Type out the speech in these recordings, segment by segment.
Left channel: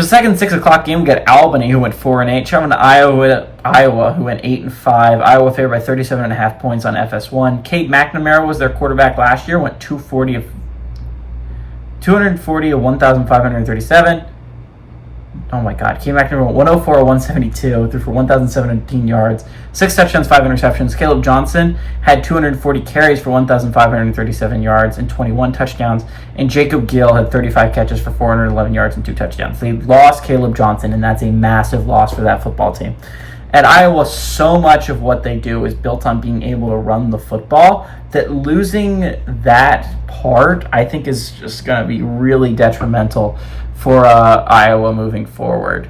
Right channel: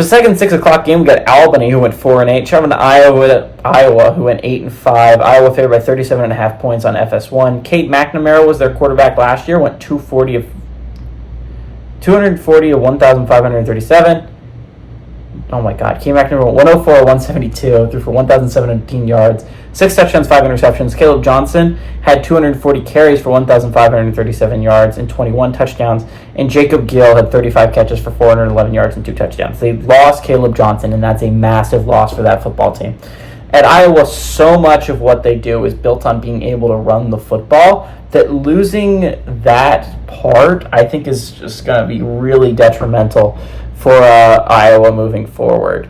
For the second 6 o'clock game, we got Albany, who went 4-8. Traveling to Iowa, who went 8-5. Iowa favored by 37.5 points on FS1. Kate McNamara was their quarterback last year, went 240 of 1,537. Oh my God. Kate McNamara went 104 of 172, threw for 1,017 yards, 6 touchdowns, 5 interceptions. Caleb Johnson had 240 carries for 1,537 yards and 21 touchdowns. And Jacob Gill had 35 catches for 411 yards and 2 touchdowns. They lost Caleb Johnson, and that's a massive loss for that football team. At Iowa, so much of what they do is built on being able to run the football that losing that part, I think, is just going to be really detrimental for Iowa moving forward.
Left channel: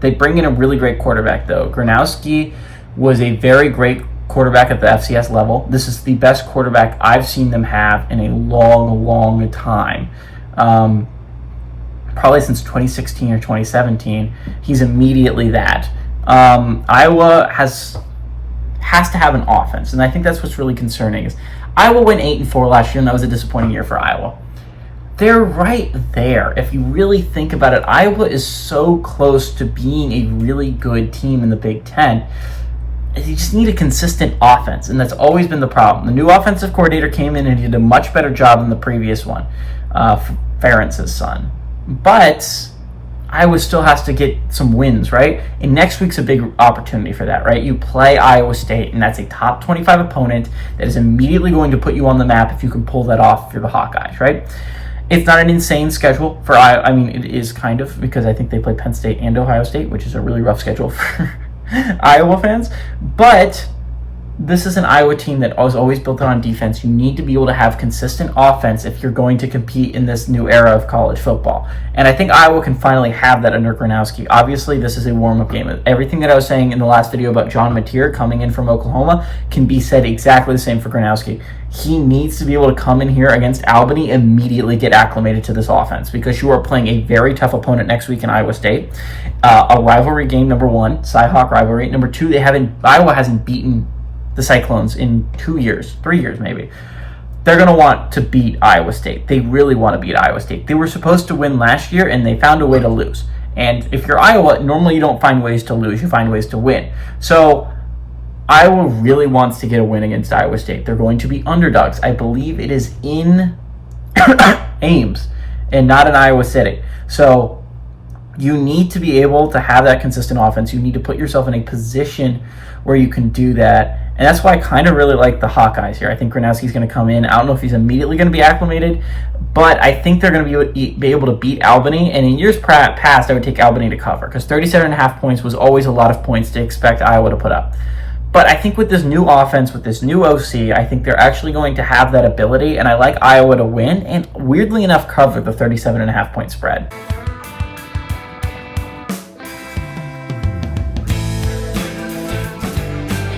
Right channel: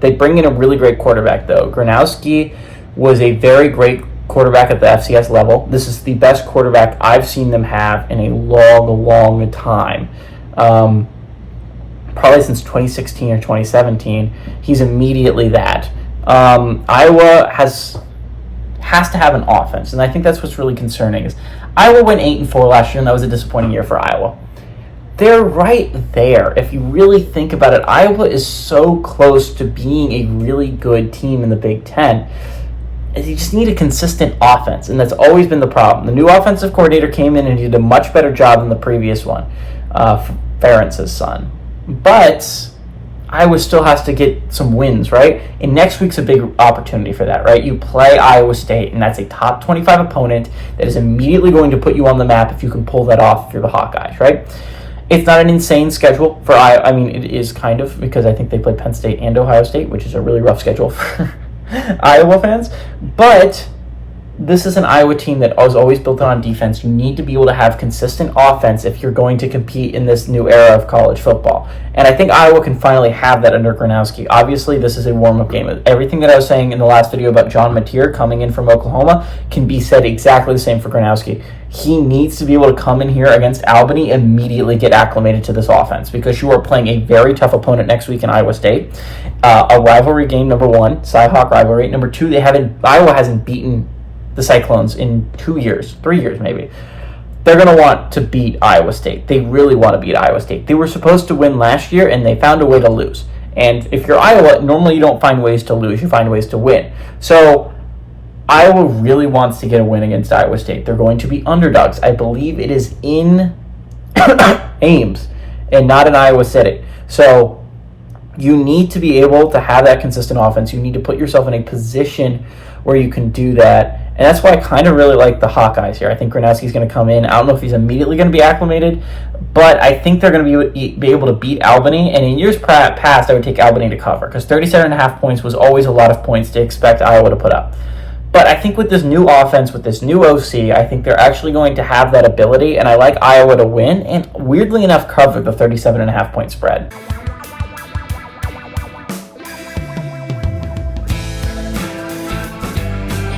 They bring in a really great quarterback, though. Gronowski was a very great quarterback at the FCS level. This is the best quarterback I've seen them have in a long, long time. Probably since 2016 or 2017. He's immediately that. Iowa has to have an offense, and I think that's what's really concerning. Is Iowa went 8-4 last year, and that was a disappointing year for Iowa. They're right there. If you really think about it, Iowa is so close to being a really good team in the Big Ten. You just need a consistent offense, and that's always been the problem. The new offensive coordinator came in and he did a much better job than the previous one, Ferentz's son. But Iowa still has to get some wins, right? And next week's a big opportunity for that, right? You play Iowa State, and that's a top 25 opponent that is immediately going to put you on the map if you can pull that off if you're the Hawkeyes, right? It's not an insane schedule for Iowa. I mean, it is kind of, because I think they play Penn State and Ohio State, which is a really rough schedule for Iowa fans. But this is an Iowa team that was always built on defense. You need to be able to have consistent offense if you're going to compete in this new era of college football. And I think Iowa can finally have that under Gronowski. Obviously, this is a warm-up game. Everything that I was saying in the last video about John Mateer coming in from Oklahoma can be said exactly the same for Gronowski. He needs to be able to come in here against Albany, immediately get acclimated to this offense, because you are playing a very tough opponent next week in Iowa State. A rivalry game, number one, Cy-Hawk rivalry. Number two, Iowa hasn't beaten the Cyclones in 2 years, 3 years maybe. They're going to want to beat Iowa State. They really want to beat Iowa State. They were supposed to win last year, and they found a way to lose. And if you're Iowa, normally you don't find ways to lose. You find ways to win. So Iowa really wants to get a win against Iowa State. They're going to be underdogs. I believe it is in Ames and not in Iowa City. So you need to be able to have that consistent offense. You need to put yourself in a position where you can do that. And that's why I kind of really like the Hawkeyes here. I think Gronowski's going to come in. I don't know if he's immediately going to be acclimated, but I think they're going to be able to beat Albany. And in years past, I would take Albany to cover, because 37.5 points was always a lot of points to expect Iowa to put up. But I think with this new offense, with this new OC, I think they're actually going to have that ability, and I like Iowa to win, and weirdly enough, cover the 37.5 point spread.